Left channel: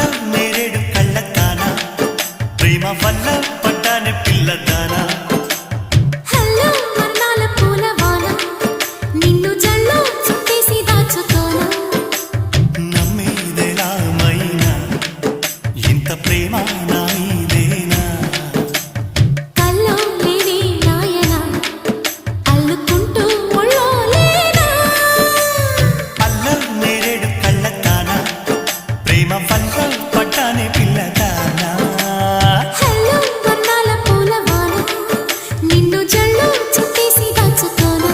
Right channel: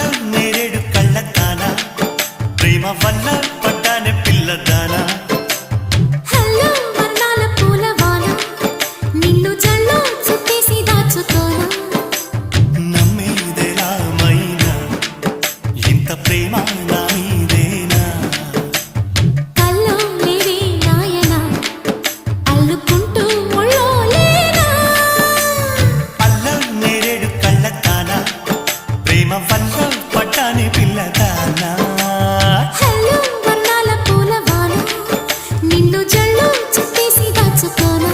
అల్ల నేరేడు కళ్ళదానా ప్రేమ వల్ల పడ్డానే పిల్లదానా హలో వర్ణాల పూలవాన నిన్ను జల్లో చుట్టేసి దాచుకోనా నమ్మేదెలా మైనా ఇంత ప్రేమ నా మీదేనా కల్లో లేవే నాయన అల్లుకుంటూ ఒళ్ళో లేనా అల్ల నేరేడు కళ్ళదానా ప్రేమ వల్ల పడ్డానే పిల్లదానా హలో వర్ణాల పూలవాన నిన్ను జల్లో చుట్టేసి దాచుకోనా